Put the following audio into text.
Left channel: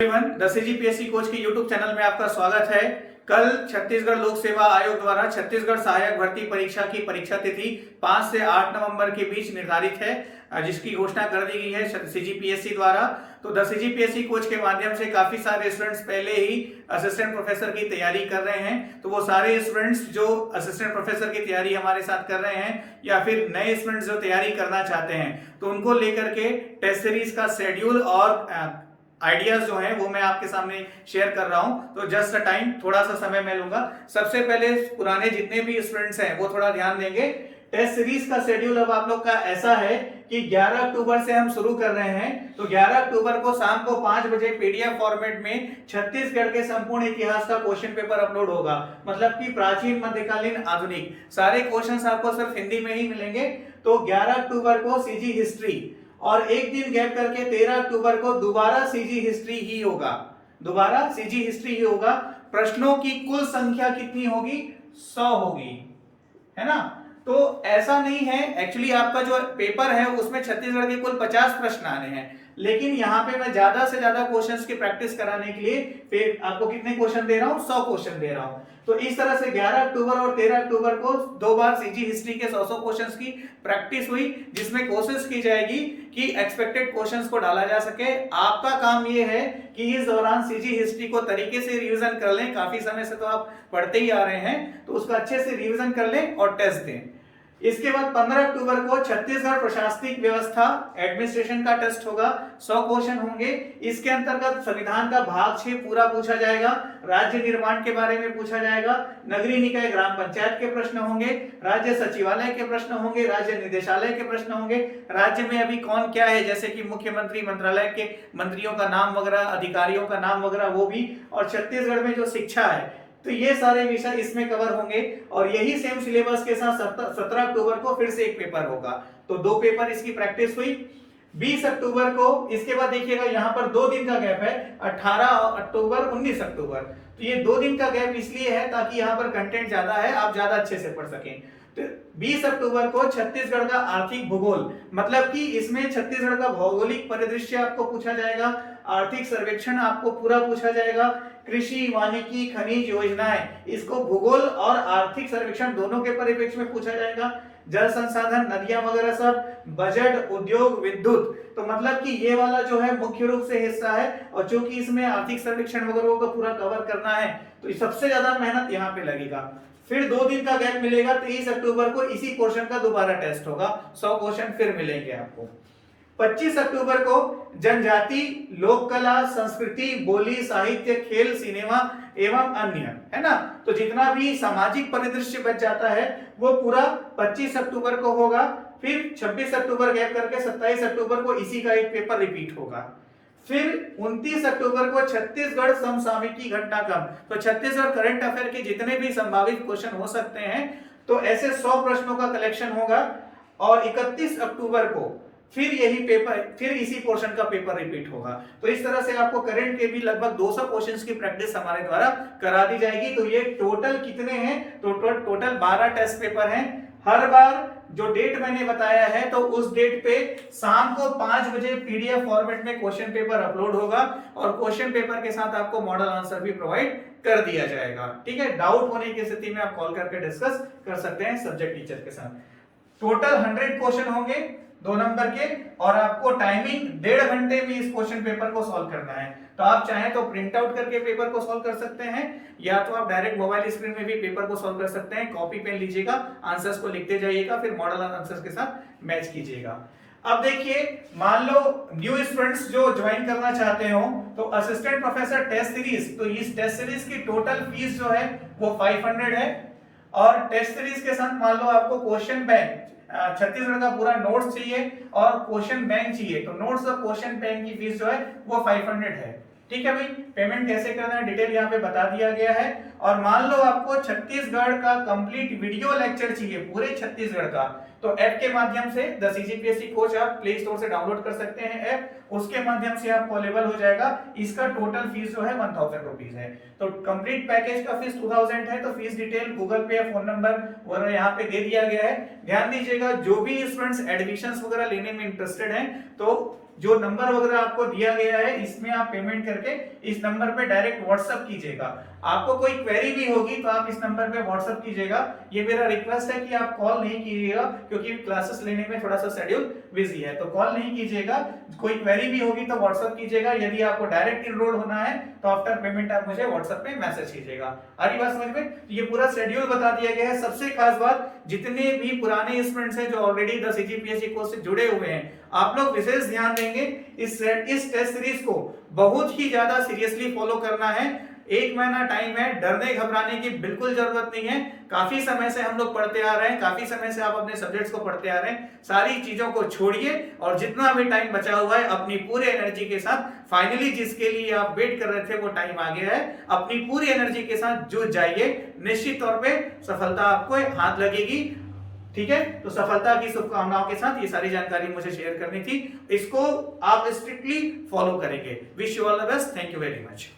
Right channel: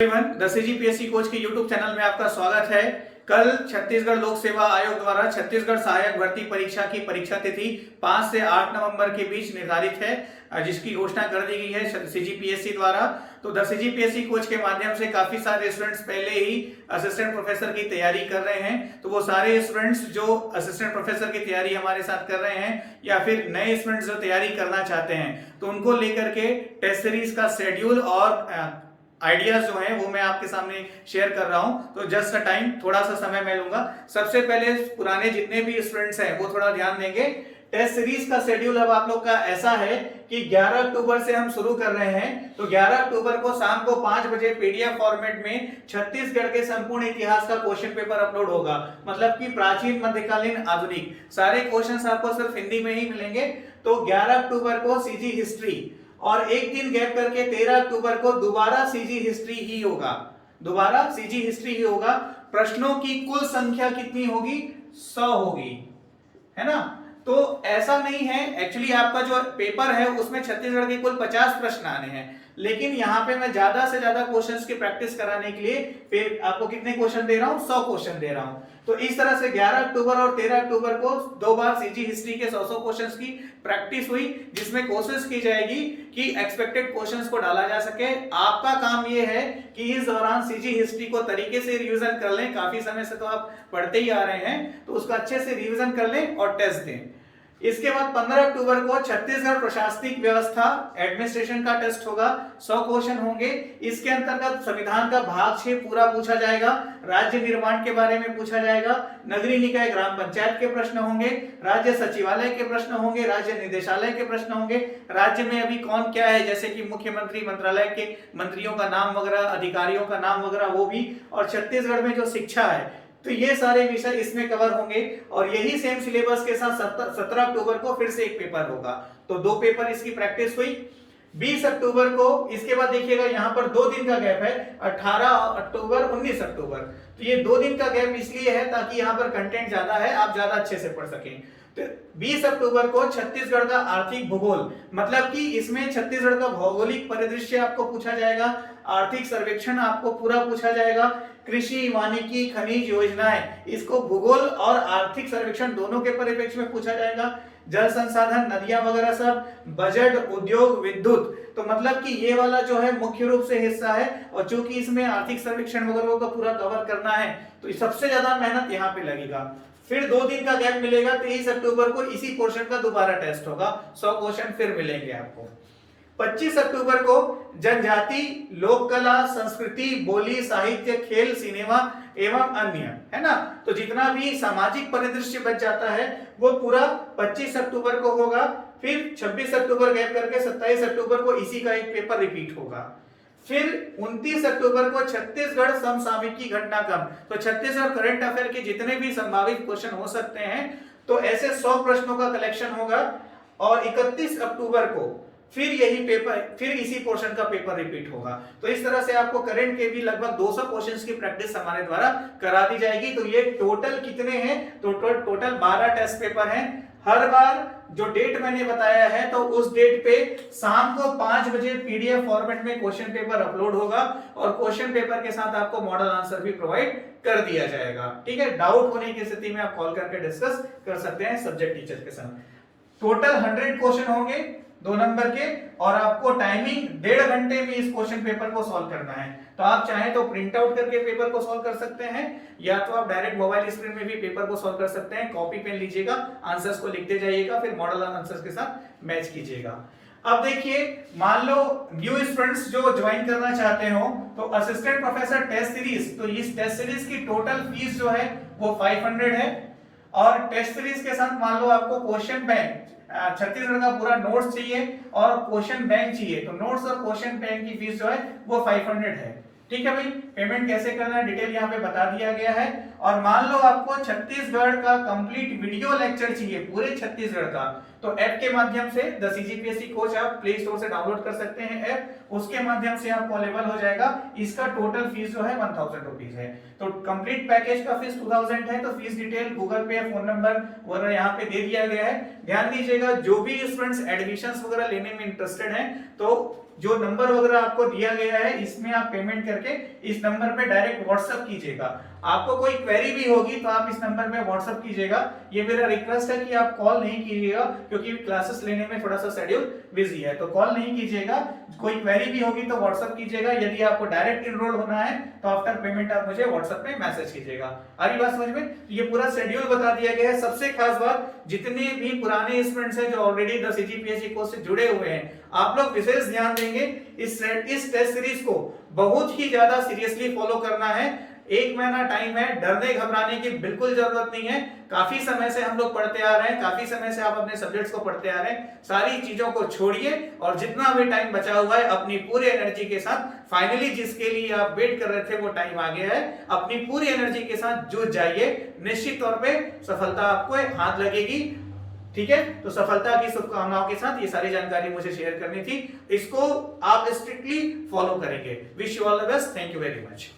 The CGPSC coach के YouTube channel में आपका स्वागत है। कल छत्तीसगढ़ लोक सेवा आयोग द्वारा छत्तीसगढ़ सहायक भर्ती परीक्षा की परीक्षा तिथि 5 से 8 नवंबर के बीच निर्धारित है, जिसकी घोषणा कर दी गई है सीजीपीएससी द्वारा। तो द सीजीपीएससी कोच के माध्यम से काफी सारे स्टूडेंट्स पहले ही असिस्टेंट प्रोफेसर की तैयारी कर रहे हैं। तो वो सारे स्टूडेंट्स जो असिस्टेंट प्रोफेसर की तैयारी हमारे साथ कर रहे हैं या फिर नए स्टूडेंट्स जो तैयारी करना चाहते हैं, तो उनको लेकर के टेस्ट सीरीज का शेड्यूल और आइडियाज जो है वो मैं आपके सामने शेयर कर रहा हूं। तो जस्ट अ टाइम, थोड़ा सा समय मैं लूंगा। सबसे पहले पुराने जितने भी स्टूडेंट्स हैं वो थोड़ा ध्यान देंगे। टेस्ट सीरीज का शेड्यूल अब आप लोग का ऐसा है कि 11 अक्टूबर से हम शुरू कर रहे हैं। तो 11 अक्टूबर को शाम को 5 बजे पीडीएफ फॉर्मेट में छत्तीसगढ़ के संपूर्ण इतिहास का क्वेश्चन पेपर अपलोड होगा। मतलब कि प्राचीन, मध्यकालीन, आधुनिक सारे क्वेश्चंस आपको सिर्फ हिंदी में ही मिलेंगे। तो 11 अक्टूबर को सीजी हिस्ट्री और एक दिन गैप करके 13 अक्टूबर को दोबारा सीजी हिस्ट्री ही होगा। दोबारा सीजी हिस्ट्री ही होगा। प्रश्नों की कुल संख्या कितनी होगी? 100 होगी, है ना। तो ऐसा नहीं है, एक्चुअली आपका जो पेपर है उसमें छत्तीसगढ़ के कुल 50 प्रश्न आने हैं, लेकिन यहाँ पे मैं ज्यादा से ज्यादा क्वेश्चंस की प्रैक्टिस कराने के लिए आपको कितने क्वेश्चन दे रहा हूँ? 100 क्वेश्चन दे रहा हूँ। तो इस तरह से 11 अक्टूबर और 13 अक्टूबर को दो बार सीजी हिस्ट्री के 100 क्वेश्चंस की प्रैक्टिस हुई, जिसमें कोशिश की जाएगी कि एक्सपेक्टेड क्वेश्चंस को डाला जा सके। आपका काम ये है कि इस दौरान सीजी हिस्ट्री को तरीके से रिवीजन कर लें। काफी समय से तो आप पढ़ते ही आ रहे हैं, तो उसका अच्छे से रिवीजन कर लें और टेस्ट दें। इसके बाद 15 अक्टूबर को छत्तीसगढ़ प्रशासनिक व्यवस्था एडमिनिस्ट्रेशन का टेस्ट होगा। 100 क्वेश्चन होंगे। इसके अंतर्गत संविधान का भाग 6 पूरा पूछा जाएगा, राज्य निर्माण के बारे में पूछा जाएगा, नगरीय निकाय ग्राम पंचायत के प्रश्न होंगे, राज्य सचिवालय के प्रश्न होंगे, राज्य निदेशालय के प्रश्न होंगे, राज्य में अभी कौन क्या है, जैसे कि मुख्यमंत्री, मंत्रालय के मंत्रियों का नाम वगैरह, अधिकारियों का नाम वगैरह, वो भी, और छत्तीसगढ़ में जो शिक्षा है, तो ये सारे विषय इसमें कवर होंगे। और यही सेम सिलेबस के साथ 17 अक्टूबर को फिर से एक पेपर होगा। तो 2 पेपर इसकी प्रैक्टिस हुई। 20 अक्टूबर को, इसके बाद देखिएगा यहाँ पर 2 दिन का गैप है, 18 अक्टूबर, 19 अक्टूबर। तो ये 2 दिन का गैप इसलिए है ताकि यहाँ पर कंटेंट ज्यादा है, आप ज्यादा अच्छे से पढ़ सकें। तो 20 अक्टूबर को छत्तीसगढ़ का आर्थिक भूगोल, मतलब कि इसमें छत्तीसगढ़ का भौगोलिक परिदृश्य आपको पूछा जाएगा, आर्थिक सर्वेक्षण आपको पूरा पूछा जाएगा, कृषि, वानिकी, खनिज योजनाएं, इसको भूगोल और आर्थिक सर्वेक्षण दोनों के परिप्रेक्ष्य में पूछा जाएगा, जल संसाधन, नदियां वगैरह सब, बजट, उद्योग, विद्युत। तो मतलब कि ये वाला जो है मुख्य रूप से हिस्सा है, और चूंकि इसमें आर्थिक सर्वेक्षण वगैरह को पूरा कवर करना है, तो सबसे ज्यादा मेहनत यहाँ पे लगेगा। फिर 2 दिन का गैप मिलेगा। 23 अक्टूबर को इसी पोर्शन का दोबारा टेस्ट होगा, 100 क्वेश्चन फिर मिलेंगे आपको। 25 अक्टूबर को जनजाति, लोक कला, संस्कृति, बोली, साहित्य, खेल, सिनेमा एवं अन्य, है ना। तो जितना भी सामाजिक परिदृश्य बच जाता है वो पूरा 25 अक्टूबर को होगा। फिर 26 अक्टूबर गैप करके 27 अक्टूबर को इसी का एक पेपर रिपीट होगा। फिर 29 अक्टूबर को छत्तीसगढ़ समसामयिकी घटनाक्रम, तो छत्तीसगढ़ करंट अफेयर के जितने भी संभावित क्वेश्चन हो सकते हैं, तो ऐसे 100 प्रश्नों का कलेक्शन होगा। और 31 अक्टूबर को फिर यही पेपर, फिर इसी पोर्शन का पेपर रिपीट होगा। तो इस तरह से आपको करंट के भी लगभग 200 क्वेश्चंस की प्रैक्टिस हमारे द्वारा करा दी जाएगी। तो ये टोटल कितने हैं? तो टोटल 12 टेस्ट पेपर हैं। हर बार जो डेट मैंने बताया है, तो उस डेट पे शाम को 5 बजे पीडीएफ फॉर्मेट में क्वेश्चन पेपर अपलोड होगा, और क्वेश्चन पेपर के साथ आपको मॉडल आंसर भी प्रोवाइड कर दिया जाएगा। ठीक है, डाउट होने की स्थिति में आप कॉल करके डिस्कस कर सकते हैं सब्जेक्ट टीचर के साथ। टोटल 100 क्वेश्चन होंगे 2 नंबर के, और आपको टाइमिंग 1.5 घंटे में इस क्वेश्चन पेपर को सॉल्व करना है। तो आप चाहें तो प्रिंट आउट करके पेपर को सॉल्व कर सकते हैं, या तो आप डायरेक्ट मोबाइल स्क्रीन में भी पेपर को सॉल्व कर सकते हैं। कॉपी पेन लीजिएगा, आंसर्स को लिखते जाइएगा, फिर मॉडल आंसर्स के साथ मैच कीजिएगा। अब देखिए, मान लो न्यू स्टूडेंट्स जो ज्वाइन करना चाहते हो, तो असिस्टेंट प्रोफेसर टेस्ट सीरीज, तो इस टेस्ट सीरीज की टोटल फीस जो है वो 500 है। और टेस्ट सीरीज के साथ मान लो आपको क्वेश्चन बैंक, छत्तीसगढ़ का पूरा नोट्स चाहिए और क्वेश्चन बैंक चाहिए, तो नोट्स और क्वेश्चन बैंक की फीस जो है वो 500 है। ठीक है भाई, पेमेंट कैसे करना है डिटेल यहाँ पे बता दिया गया है। और मान लो आपको छत्तीसगढ़ का कंप्लीट वीडियो लेक्चर चाहिए, पूरे छत्तीसगढ़ का, तो ऐप के माध्यम से द सीजीपीएससी कोच आप प्ले स्टोर से डाउनलोड कर सकते हैं ऐप, उसके माध्यम से आपको अवेलेबल हो जाएगा। इसका टोटल फीस जो है 1000 रुपीज है। तो कंप्लीट पैकेज का फीस 2000 है। तो फीस डिटेल गूगल पे या फोन नंबर वगैरह यहाँ पे दे दिया गया है। ध्यान दीजिएगा, जो भी स्टूडेंट्स एडमिशंस वगैरह लेने में इंटरेस्टेड हैं तो जो नंबर वगैरह आपको दिया गया है इसमें आप पेमेंट करके इस नंबर पे डायरेक्ट व्हाट्सएप कीजिएगा। आपको कोई क्वेरी भी होगी तो आप इस नंबर पे व्हाट्सएप कीजिएगा। ये मेरा रिक्वेस्ट है कि आप कॉल नहीं कीजिएगा, क्योंकि क्लासेस लेने में थोड़ा सा शेड्यूल बिजी है, तो कॉल नहीं कीजिएगा। कोई क्वेरी भी होगी तो व्हाट्सएप कीजिएगा। यदि आपको डायरेक्ट इनरोल होना है तो आफ्टर पेमेंट आप मुझे व्हाट्सएप पे मैसेज कीजिएगा। आ रही बात समझ में? ये पूरा शेड्यूल बता दिया गया है। सबसे खास बात, जितने भी पुराने स्टूडेंट्स हैं जो ऑलरेडी 10 CGPSC कोर्स से जुड़े हुए हैं, आप लोग विशेष ध्यान देंगे। इस टेस्ट सीरीज को बहुत ही ज्यादा सीरियसली फॉलो करना है। 1 महीना टाइम है, डरने घबराने की बिल्कुल जरूरत नहीं है। काफी समय से हम लोग पढ़ते आ रहे हैं, काफी समय से आप अपने सब्जेक्ट्स को पढ़ते आ रहे हैं। सारी चीजों को छोड़िए और जितना भी टाइम बचा हुआ है अपनी पूरी एनर्जी के साथ, फाइनली जिसके लिए आप वेट कर रहे थे वो टाइम आ गया है, अपनी पूरी एनर्जी के साथ जुट जाइए। निश्चित तौर पे सफलता आपको हाथ लगेगी। ठीक है, तो सफलता की शुभकामनाओं के साथ ये सारी जानकारी मुझे शेयर करनी थी। इसको आप स्ट्रिक्टली फॉलो करेंगे। Wish you all the best. Thank you very much.